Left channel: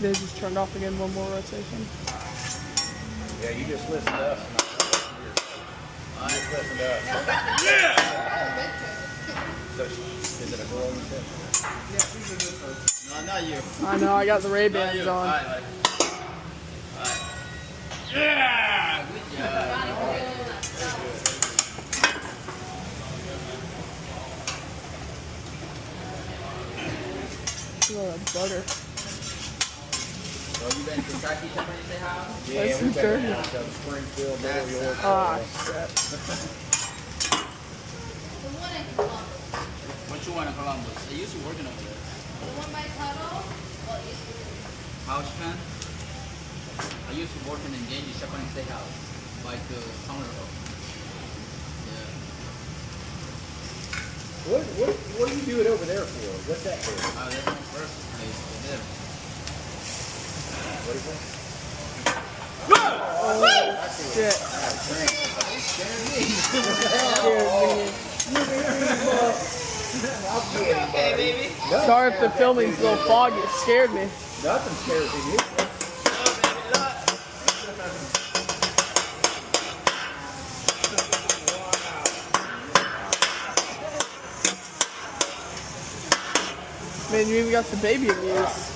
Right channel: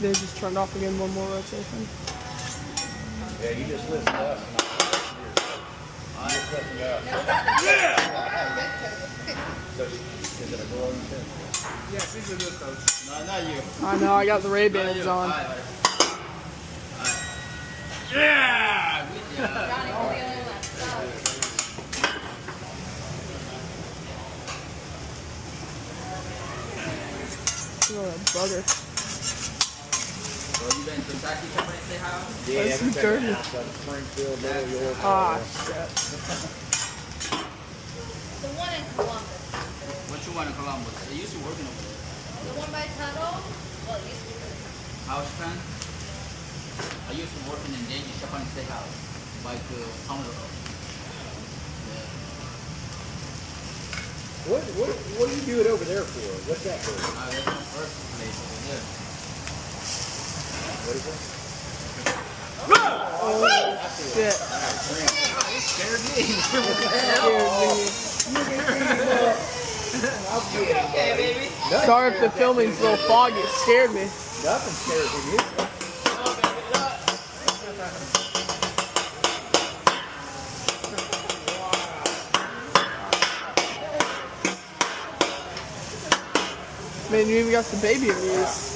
They just turned off again. One more rotation. Yeah, you just listen to us. You just listen to us. Yeah! So, is it a girl in the tent? Yeah, she's a good coach. No, not you. I know. I got the Ray-Bans on. Yeah! Good job. Oh, that butter. Well, you been to Kentucky to say hi? Yeah, That's everybody dirty. else got Springfield, Little York. Ah, shit. The one in Columbus. What you want in Columbus? They used to working over there. The one by Tuttle? Well, it used to be. House plan? I used to work in the Japanese steakhouse, like summer ago. Yeah. What do you do it over there for? What's that for? That's my first place over there. What is it? Oh, shit. Scared me. Okay, baby. Sorry if the filming's a little foggy. It scared me. Nothing scares me. Man, you even got the baby amused.